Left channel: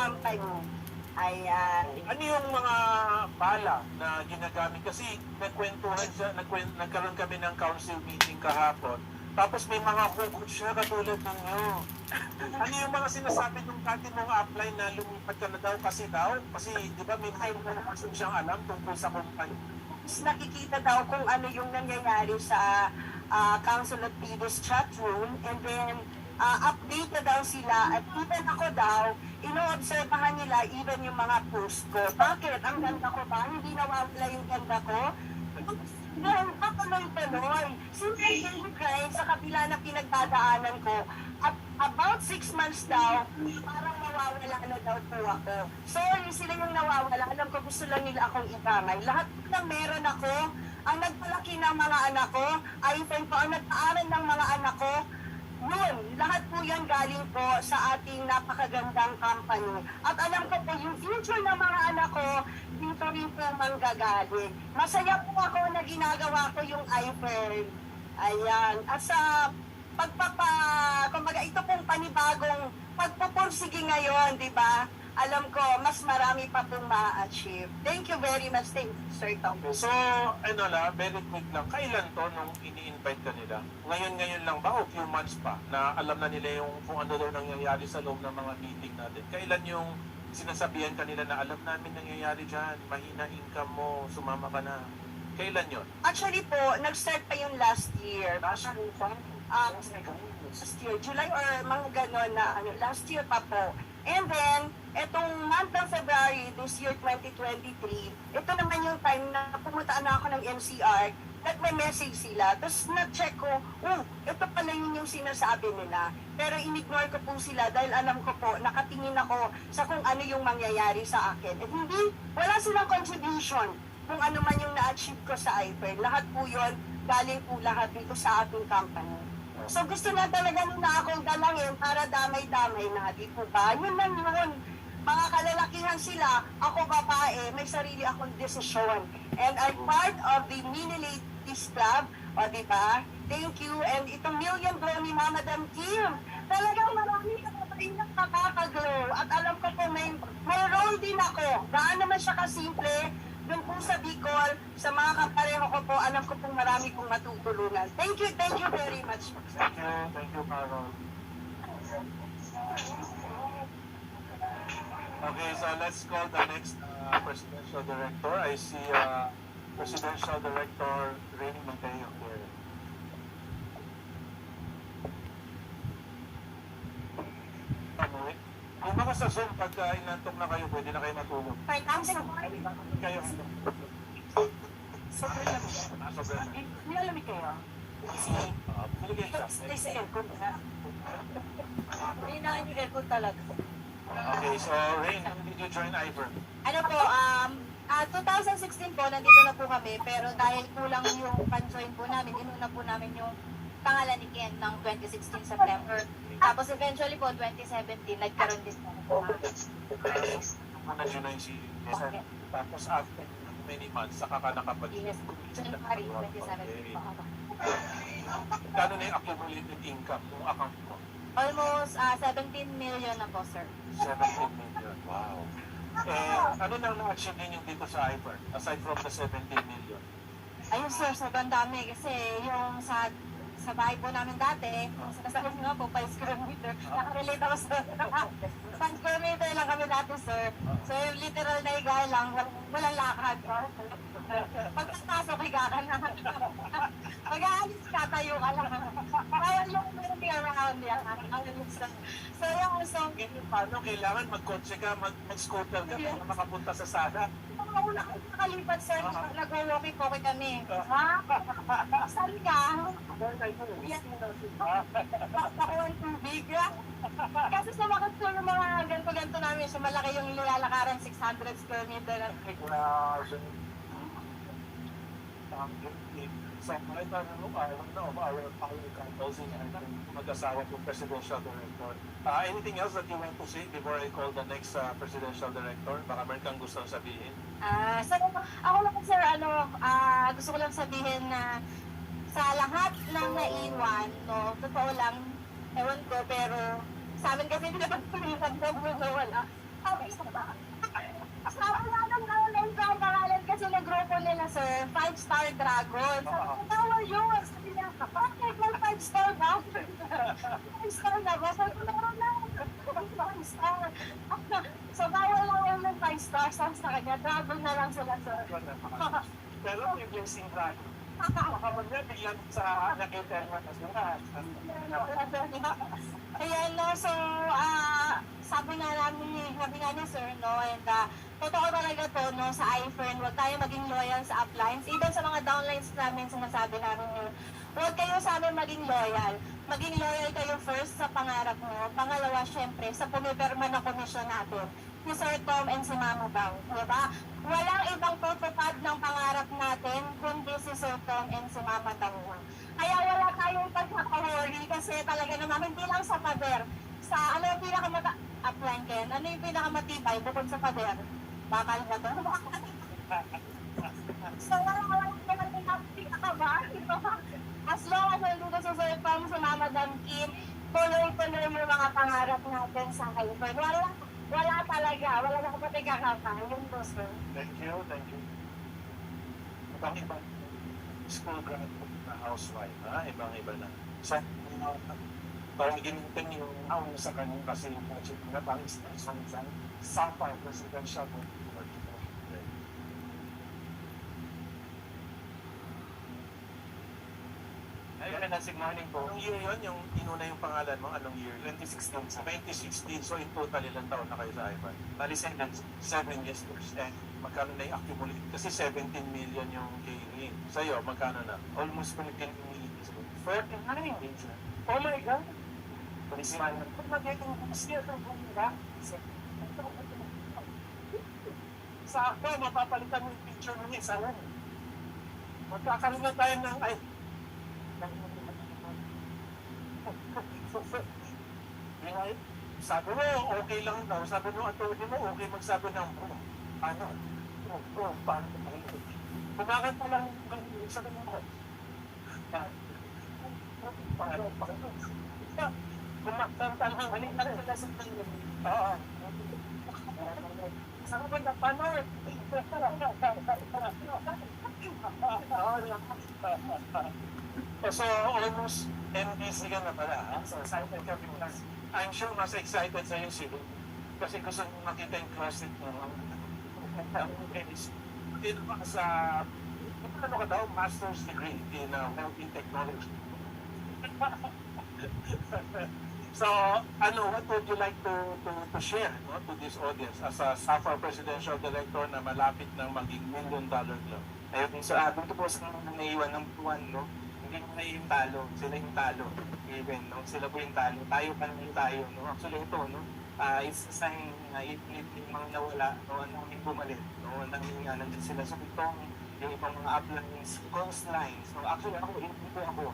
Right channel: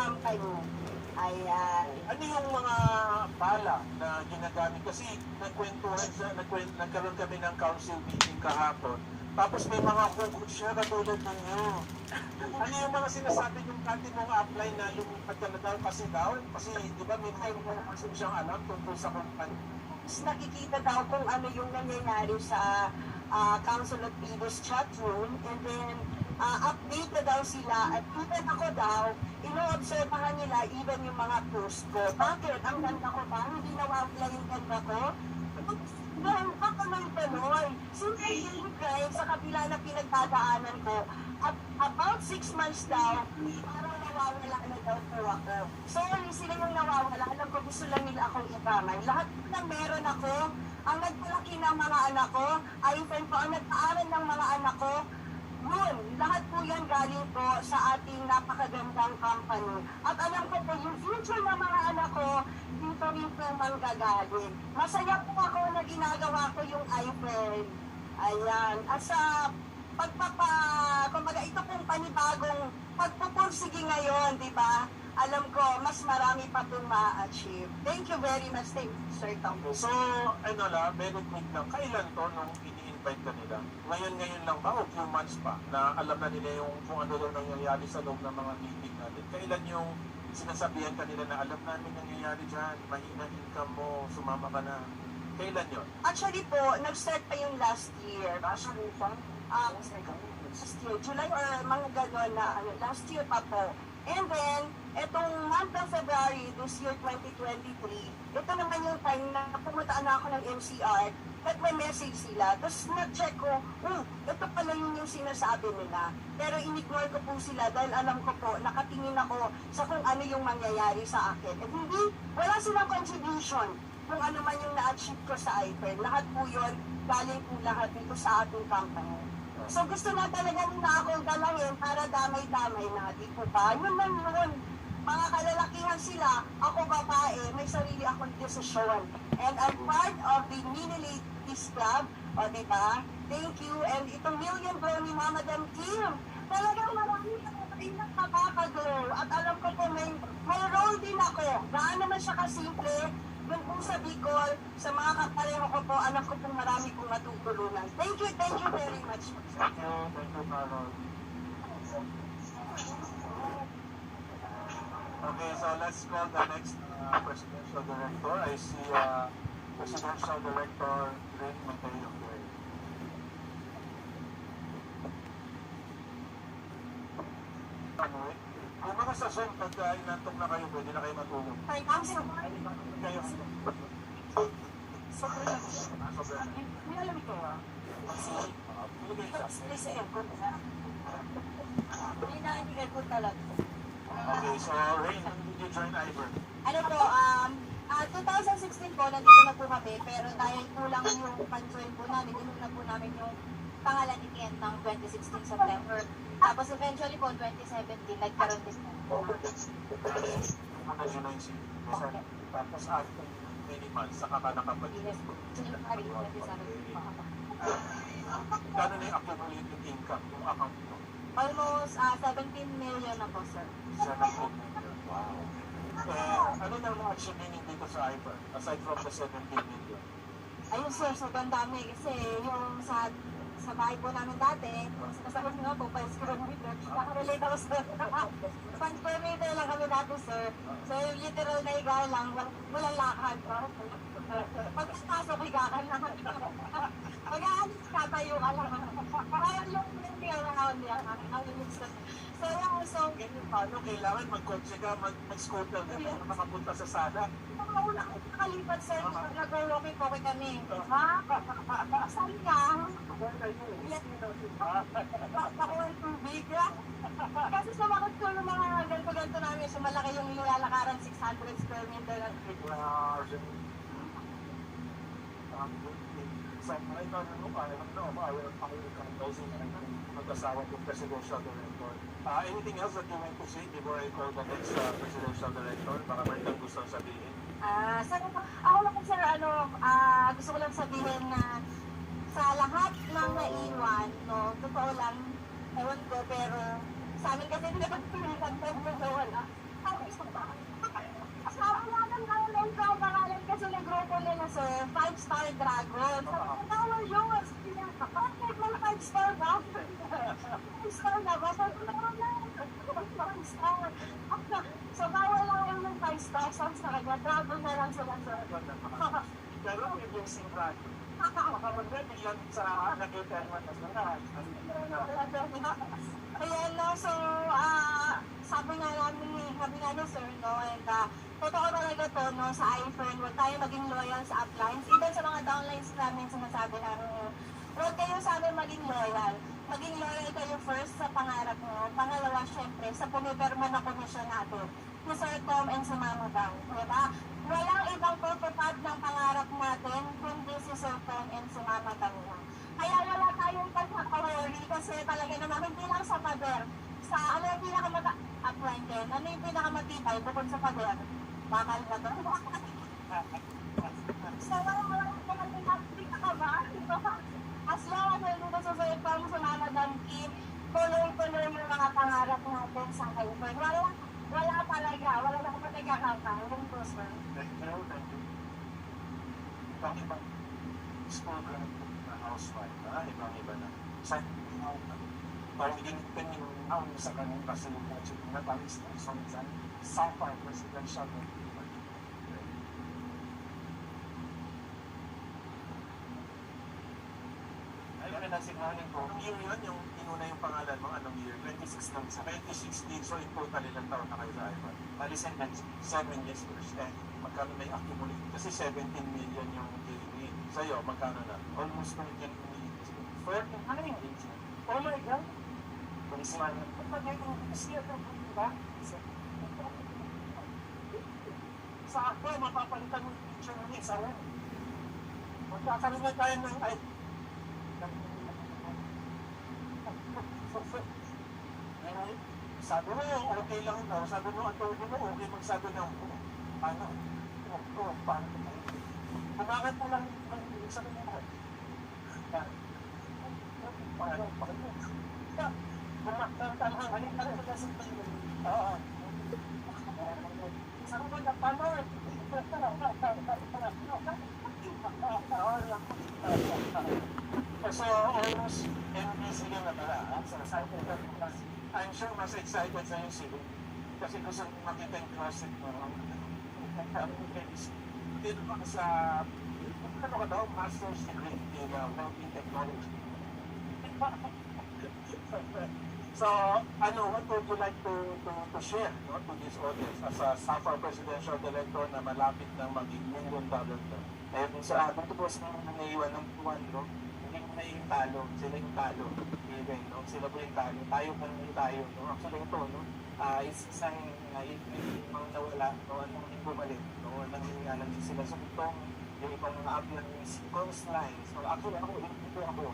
company. Ayan. Ano yung mga bala na ginagamit? Kasi nagkaroon kami ng council meeting kahapon. Tapos may mga hugot siya katulad ninyo. Ano yung mga sinasabi ng kati mong apply na lumipat ka na daw? Kasi di ba may mga siyang alam tungkol sa kumpanya? Nakikita daw kung ano yung nangyayari sa Council of Leaders chat room, and then update na daw sila, at even ako daw, ino-observahan nila even yung mga post ko. Bakit? Ang ganda ko ba? Hindi nawawala yung ganda ko? Ngayon, patuloy-tuloy. Simple daily grind sa kabila na pinagdadaanan ko. At about 6 months daw, parang nawawala na daw po ako. So, sila yung nawawala. Alam ko, gusto lang nila akong ikamay. Lahat na meron ako, ang nagpalaki ng mga anak ko, iPhone ko, ang nagpaaral ng mga anak ko, yun, lahat po yan galing po sa ating napakagandang company. At alam ko po, yung future ng mga anak ko, dito rin po manggagaling. Masaya po ako na ginagawa ko yung iPhone. Ayan. At sa kumbaga ito pong panibagong pagpupursige ngayon, di ba? Alam ko, mas marami pa pong ma-achieve. Thank you very much, thank you, Sir Tom. So, very quick lang. Kailan to nung ini-invite ka nila? Ngayon lang ba o few months pa na alam na nila yung kung ano daw nangyayari sa loob ng mga meeting natin? Kailan yung sinasabihan ka nila na alam namin nangyayari dyan, mahina income mo, sumama ka na? Kailan yon? Actually po, nag-start pa yung last year. Last year, July or mga gano'n na last year pa po. And then, etong month ng February, this year 2023, ito naman yung time na pumunta na ako ng NCR, nagme-message sila, tapos na-check ko, ito pala yung sinasabi nila. Pero in-ignore ko po sila dahil alam ko po, nakatingin ako sa kung ano yung mangyayari sa akin. At hindi, wala silang contribution kung ano man yung na-achieve ko sa iPhone. Lahat po yun, galing po lahat dito sa ating company. So gusto na talaga nila akong dalangin para damay-damay na, di po ba? Yun lang yun. Mga kalalakihan sila, ako babae, may sarili akong desisyon. And I'm part of the Mini Ladies Club, o di ba? Thank you. And itong Million Glow ni Madam Kim, talagang marami na nakakaglow. At alam ko po may role din ako. Gaan naman siya kasimple. Yung po sa Bicol, sa mga kapareho ko po, alam ko pong marami kong matutulungan. Thank you very much. Thank you, Carol. Okay, so let's call the next presidential director. I see Presidential Director Rene Mateo here. Kung baka sa Zoom, pagka inantok na kayo, pwede na kayo matulog. Fine, I'm Kayo. sobrang lamig. Nilalamig kayo? Piligay siya. Stay sa aircon na. Hindi na yung aircon talaga. Okay, so Rain, when did you join Ivern? Ano po, 2016 po, nandito na po kami, pero dahil kulang yung pan-join po namin, inuna po namin yung pangalan ni Ken ng 2016 September. Tapos eventually po, 2017, nagkaroon din po. Muna yun na yung si Jason. Tapos after many months, saka ka nakapag-join. Yes, January 2017 po ako. Kano na yung accumulated income, yung account mo? Almost 17 million na po, sir. 17 million. Wow. Ano nang na-achieve ninyo dito sa Ivern, aside from the 17 million? Ayun, sir, sobrang dami. Kasi yung sa bahay po namin dati, sinasabi nga po, 5 square meter. Nakarelate ako sa 5 square meter lang kami dati, sir. So, yung literal na higa lang, walang lakad. Pagkasasok, higa ka na. Pag-aalis ka, tayo ka lang. Kaya yung moving around yan. So, yung so, Paano kailangan mag-kotse ka, mag-scooter ka para makapunta sa sala? wala akong nakalipat, sir. Nag-walkie-talkie kami. Ha? Saan ka? Ako ang tubig. Kasi sa mga school ng mga ganto-ganto namin, so malaki yung nilalakaran, 600 square meter. Sa mga itanong mag-asawa ng presidential director. Anything else that you want to say before I call the next presidential director? Baka meron kang gusto sabihin? Sir, ako lang, sir, gusto ko lang sabihin na sa lahat ng naiwan, no, totoo lang, ewan ko, pero sa amin kasi hindi naman pulitan ko, wala. Sabi nga ng online ko, ang pangalan kasi ng grupo nila, sir, 5-Star Dragon. Sabi ko, bawal yun. Sabi niya, bakit may 5-star ba? 5-star na ba? Sabi ko, meron na. 5-star. So, bawal lang yun ng 5-star. Sabi sa kanya, dragon na lang sila, sir. Pero yung sinra, kapag na biglang sa nakita naman na sila. Ayan, no, so, sabi nga na, sir, no, and totoo talaga to, no, sa iFern, huwag tayo maging loyal sa uplines. Even sa mga downlines namin, sinasabi namin, huwag kayo sa amin maging loyal. Maging loyal kayo first sa pangarap mo. Pangalawa, syempre, sa pumipirma na komisyon natin, si Sir Tom and si Mama Bang. Diba? Walang ibang tutupad ng pangarap natin, kundi si Sir Tom and si Mama Bang. Kaya wala tayong pagkakahuri kasi talaga naman, hindi lang sa pader. Sa ano yung upline Ken? Ano yung pinakamatibay bukod sa pader? Bakal ba doon? So, walang pinakaba. As long as nandito sa Sir Tom, sa Mama Bang Kim, tuloy-tuloy mo mga pangarap natin sa iFern. Wala talaga. Wala na kapatid kakapa. Yun po, sir. Thank you. Bakit ba? School grad na housewife, ha? Ibang-iba na. Sa parang ginintay yung awon sa kanyang kasi yung budget na parang isang Sapphire Presidential Good morning po. Anong year yun? Yung inuna yung pangalan mo? Anong year? 2016 sa 2016. So in total, ilang taon na kayo sa iFund? Bali 7 years po. Eh, magkano na i-accumulate? Kasi 17 million yung gain. Sa'yo, magkano na? Almost 14 million. 14? Ano yung age na? Oh my God! Police man. Ba't magiging siya ito kung ba? Sakto, mapapalitan yung picture mo niya. Saan? Magkakaroon na tayo ng... Ay! Sabi mo, okay lang daw. Sabi mo, attorney mo, okay magsabi ng paano? Paano? Kumakit pa lang sa kanila. Paano? Kumakit halin ka rin sa lasang kanila. Oo. Sabi mo na, paano? So, almost MBC ka na pala, ha? So, I'm sure mas excited sa'yo si Lou. Kasi gusto makita yung closet mo. Dito ka sa, ano ka daw, master's degree in healthy technology. So, what would you like to share to this audience as a Sapphire Presidential Director na malapit ng maging $1 million club? Ayun, so dito po sa mga naiiwan ng buwan, no? Hindi mo na yung talo. Sila yung talo. Even, no? Sila po yung talo. Tayo pa naman tayo, no? Actually ito, no? It's a sign na yung mga nawala, no? Hindi bumalik, no? Nandiyan sila. So itong yung ibang mga uplines, coastlines. So actually ako, hindi po ako.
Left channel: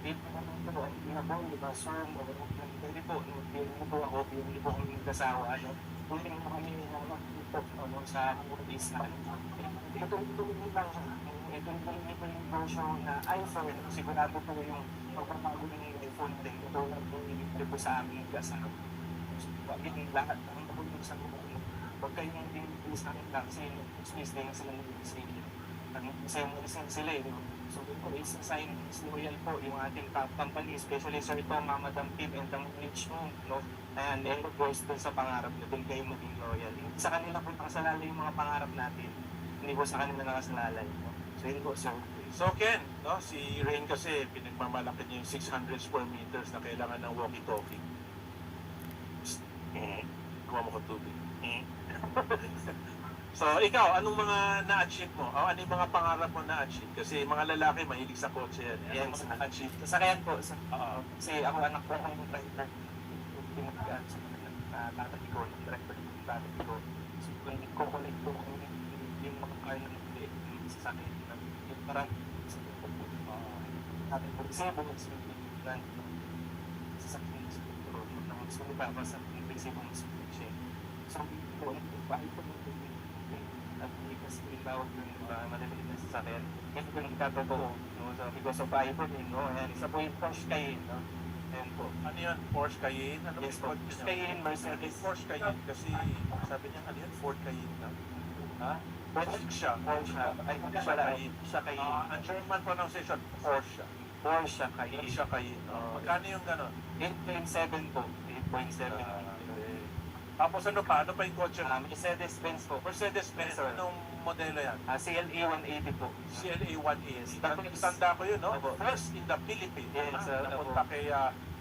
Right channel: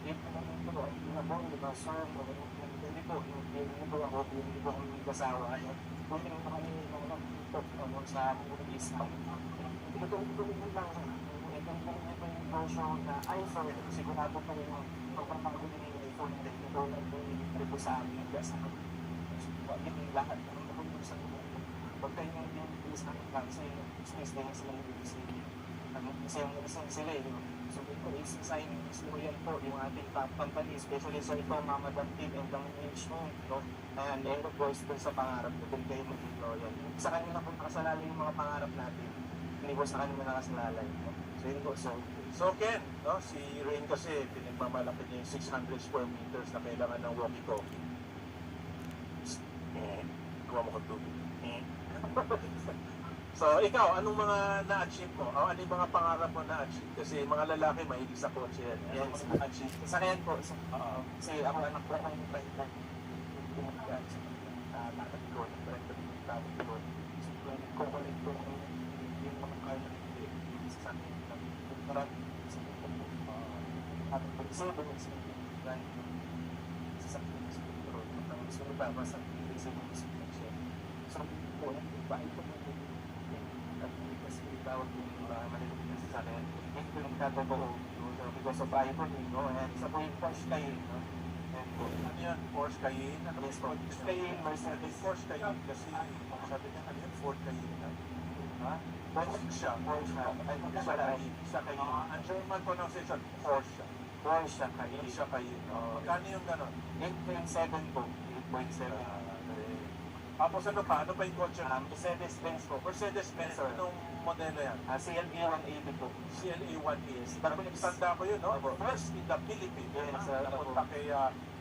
Hindi po naman ito, hindi na po, diba? So, hindi po ako, hindi po ako nagkasawa, no? Pwede mo kami mga no? Sa movies na ito lang ito yung version na iPhone, sigurado po yung pagpapago ng iPhone din. Ito lang po yung po sa amin kasama. So, yung lahat ng pagpapago sa buong huwag kayong din sa amin lang kasi space din sila ng lisensya. Lisensya sila eh. So, ito is a sign is loyal po yung ating top company, especially sa ito, Mama Dam Team and ang Richmond, no? And of course, dun sa pangarap na dun kayo maging loyal. Sa kanila po nakasalalay yung mga pangarap natin. Hindi po sa kanila nakasalalay. No? So, yun po. So Ken, no, si Rain kasi pinagmamalaki niya yung 600 square meters na kailangan ng walkie-talkie. Kuha mo ka tubig. So, ikaw, anong mga na-achieve mo? O, ano yung mga pangarap mo na-achieve? Kasi mga lalaki, mahilig sa kotse yan. Anong mga na-achieve? Sasakyan po. Kasi ako anak ko ng driver. Pinagkaan sa tatay ko, driver ng tatay ko. So, yung kukulit ko yung mga kaya ng sasakyan ng marami sa tatay ko. Kasi buong sinigyan yung sasakyan sa road. So, nababas ang invisible na siya. So, bahay ko kasi bawag ng maliliit na sasakyan. Hindi ko nagkatotoo. So, because of iPhone, no? And sa point push kayo, no? Yan po. Ano yun? Porsche Cayenne? Ano Yes po. Porsche Cayenne? Cayenne, Mercedes. Porsche Cayenne kasi sabi niya ano yun? Ford Cayenne na. Ha? Porsche siya. Porsche. Ay, hindi pala. Siya Cayenne. Ang German pronunciation, Porsche. Porsche Hindi Cayenne. siya Cayenne. Magkano yung gano'n? 8.7 po. 8.7. Tapos ano pa? Ano pa yung kotse? Mercedes-Benz po. Mercedes-Benz. Yes, sir. Anong modelo yan? CLE 180 po. CLA 180. Tanda ko yun, no? Opo. First in the Philippines. Yes, sir. Napunta kay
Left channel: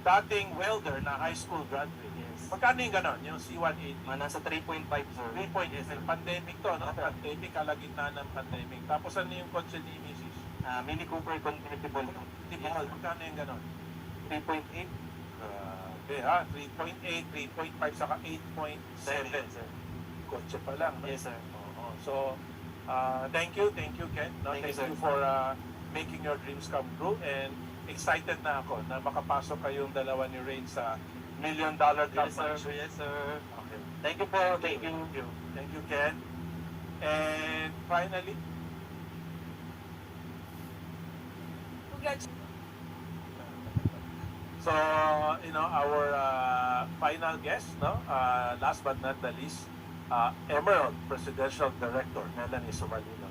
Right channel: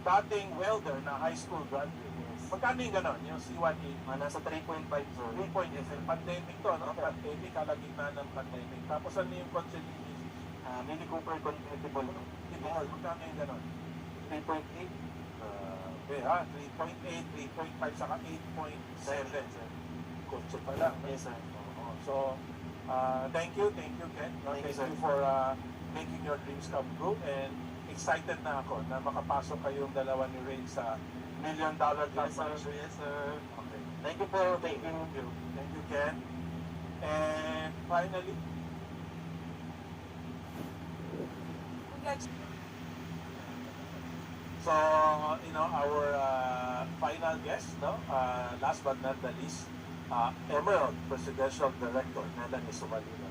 dating welder na high school graduate. Yes. Magkano yung gano'n? Yung C180? Nasa 3.5 sir. 3 point is pandemic to, no? Pandemic, kalagitnaan ng pandemic. Tapos ano yung kotse ni Mrs. Mini Cooper convertible po. Timol? Magkano yung gano'n? 3.8. Okay, 3.8, 3.5, saka 8.7. Sir. Kotse pa lang. No? Yes sir. Oo. So, thank you, Ken. No? Thank you, Thank sir. you for making your dreams come true, and excited na ako na makapasok kayong dalawa ni Ray sa $1 million Yes sir. company. Yes sir. Okay. Thank you po. Thank you. Thank you, Ken. And finally, so, our final guest, no? Last but not the least, Emerald Presidential Director, Melanie Sumalino.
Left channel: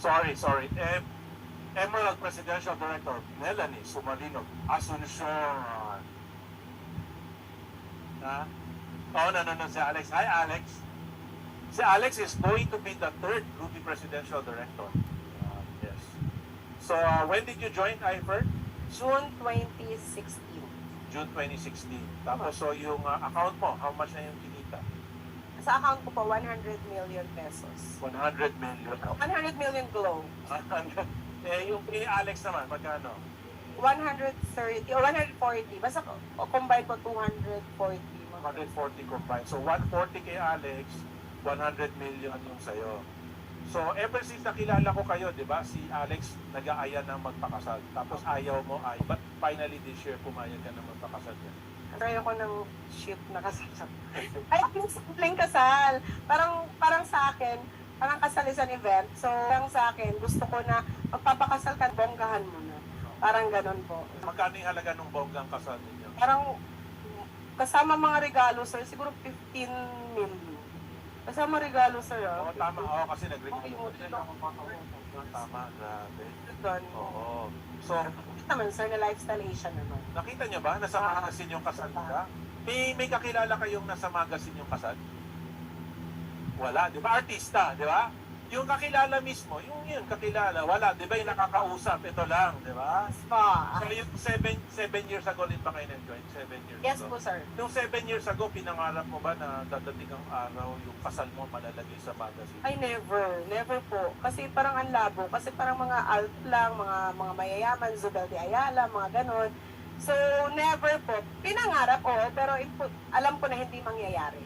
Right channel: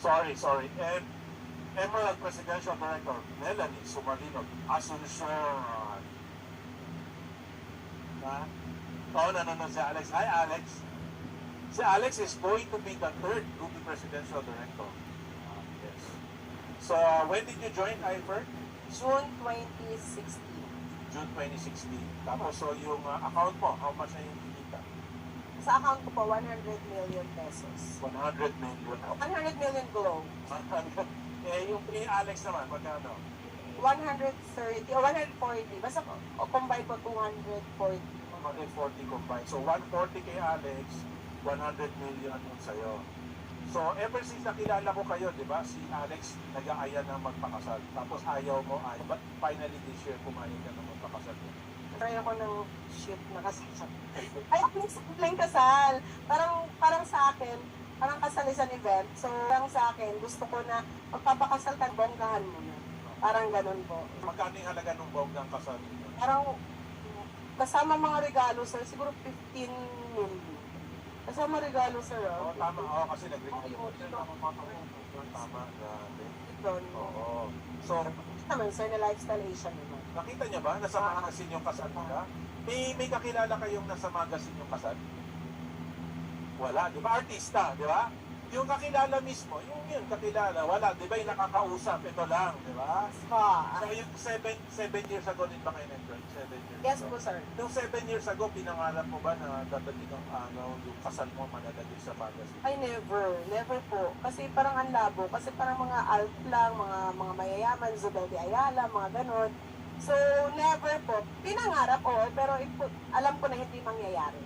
Sorry. Emerald Presidential Director, Melanie Sumalino, Asuncion. Oh, no, si Alex. Hi, Alex. Si Alex is going to be the third Ruby Presidential Director. Yes. So, when did you join IFER? June 2016. June 2016. Tapos, so yung account mo, how much na yung kinita? Sa account ko po, 100 million pesos. 100 million. 100 million glow. Yung kay Alex naman, magkano? 130 o 140. Basta combine po 240. 140 combined. So, 140 kay Alex, 100 million yung sa'yo. So, ever since nakilala ko kayo, di ba, si Alex nag-aaya ng magpakasal. Tapos ayaw mo but finally this year, pumayag ka na magpakasal. Try ako ng ship na kasal. Ay, simpleng kasal. Parang sa akin, parang kasal is an event. So, parang sa akin, gusto ko na magpapakasal ka, bonggahan mo na. Parang ganun po. Magkano yung halaga ng bonggang kasal ninyo? Parang kasama mga regalo, sir, siguro 15 million. Kasama regalo, sir. Oo, tama. Oo, kasi nag-regalo Okay, ko. okay. Tama, grabe. Doon. Oo. So, Naman, sir, na lifestyle Asia naman. nakita niyo ba? Nasa magazine yung kasal nila? May kakilala kayong nasa magazine yung kasal? Wala, di ba? Artista, di ba? Yung kakilala mismo, yung kakilala, wala. Di ba yung nakakausap? Ito lang, di ba? Pa. So, yung 7 years ago rin ba kayo na-join? 7 years Yes ago? po, sir. Yung 7 years ago, pinangarap mo ba na dadating ang araw yung kasal mo malalagay sa magazine? Ay, never po. Kasi parang ang labo. Kasi parang mga alt lang, mga mayayaman, Zubel de Ayala, mga ganon. So, never po. Pinangarap, oo, pero alam ko na hindi mangyayari.